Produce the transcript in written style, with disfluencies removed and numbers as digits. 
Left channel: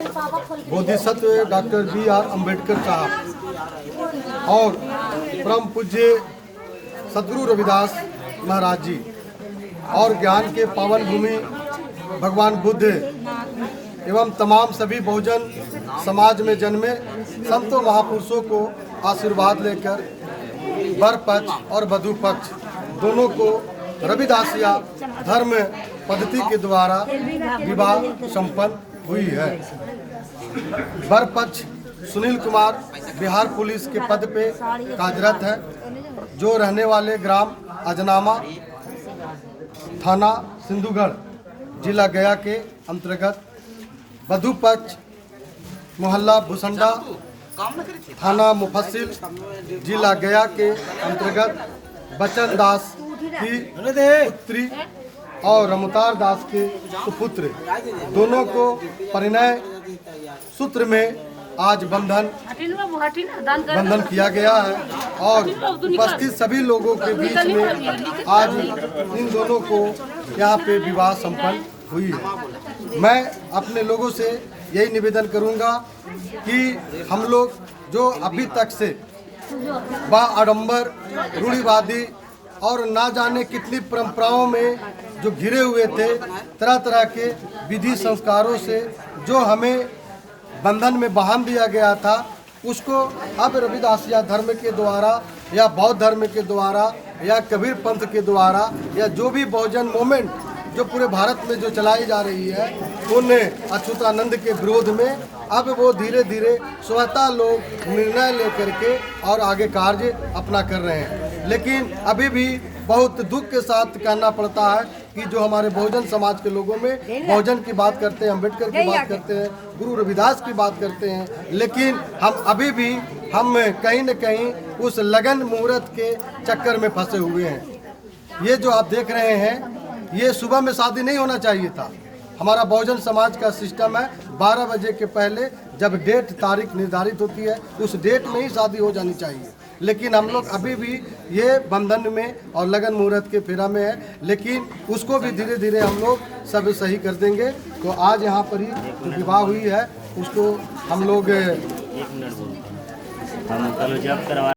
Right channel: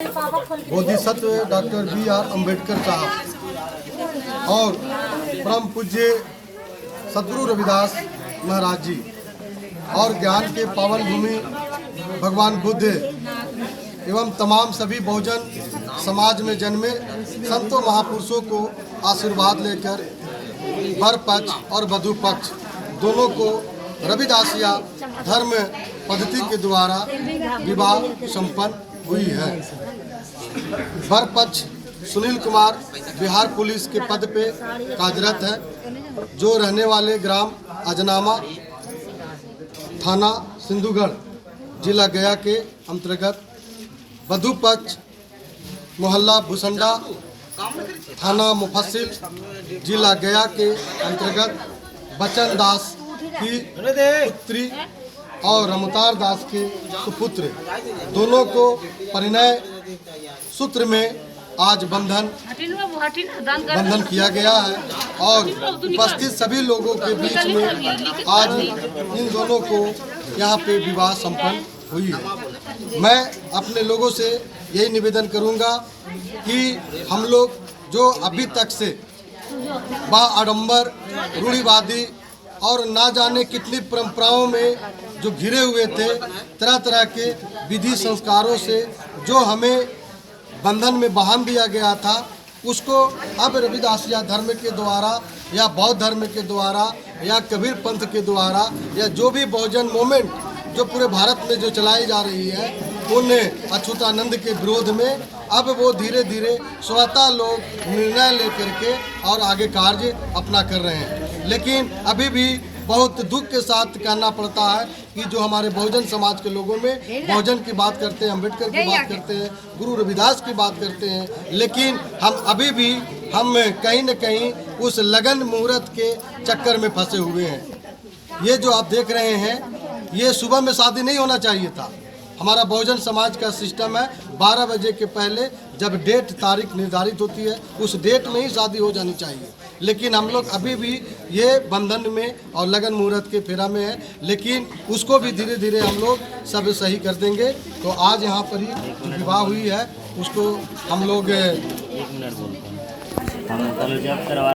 Bodhisattva doctor B R. Ambedkar साहब और परम पूज्य सद्गुरु रविदास महाराज जी और ज्ञान के पावन भूमि भगवान बुद्ध एवं तमाम सभी बहुजन समाज में जन्मे संतों महापुरुषों को आशीर्वाद लेकर वर पक्ष और वधू पक्ष दोनों को रविदासिया धर्म पद्धति के द्वारा विवाह संपन्न हुई है। वर पक्ष सुनील कुमार बिहार पुलिस के पद पे कार्यरत है, जो रहने वाले ग्राम अजनामा, थाना सिंधुगढ़, जिला गया के अंतर्गत। वधू पक्ष मोहल्ला भूसंडा, थाना मुफस्सिल, जिला गया के अंतर्गत बचन दास की पुत्री और रमतार दास के सुपुत्र दोनों को परिणय सूत्र में आज बंधन किया गया है और उपस्थित सभी लोगों के बीच में आज इन दोनों को यहाँ पे विवाह संपन्न हुई है। मैं अपने लोगों से यही निवेदन करूँगा कि हम लोग जो अभी तक से आडंबर, रूढ़िवादी और ना जाने कितनी परंपराओं में जो घिरे हुए थे, तरह तरह के विधि संस्कारों से जो हमें बंधन में बांध दिया गया था, उसको अब रविदासिया धर्म के द्वारा या बौद्ध धर्म के द्वारा या कबीर पंथ के द्वारा या जो भी बहुजन मूवमेंट जो पूरे भारत में जो चलाई जा रही है, उन अच्युतानंद के विरोध में अब वो धीरे धीरे स्वतः लोग निर्णय लेकर के और आगे कार्य अपना कर रहे हैं। लेकिन अभी भी बहुत दुख के साथ कहना पड़ता है कि जो हमारे बहुजन समाज के लोगों में बहुजन की बात करते हैं, अम्बेडकर की बात करते हैं, गुरु रविदास की बात करते हैं, लेकिन हम अभी भी कहीं न कहीं उस लगन मुहूर्त के चक्कर में फंसे हुए हैं। ये जो आप देख रहे हैं, ये सुबह में शादी नहीं होना चाहिए था। हमारा बहुजन समाज का सिस्टम है 12 बजे के पहले जब डेट तारीख निर्धारित होती है, उस डेट में ही शादी हो जानी चाहिए। लेकिन हम लोग अभी भी ये बंधन में और लगन मुहूर्त के फेरा में है, लेकिन उसको भी धीरे धीरे हम लोग सब सही कर देंगे। तो आज यहाँ पर ही जो विवाह हुई है उसको हम लोग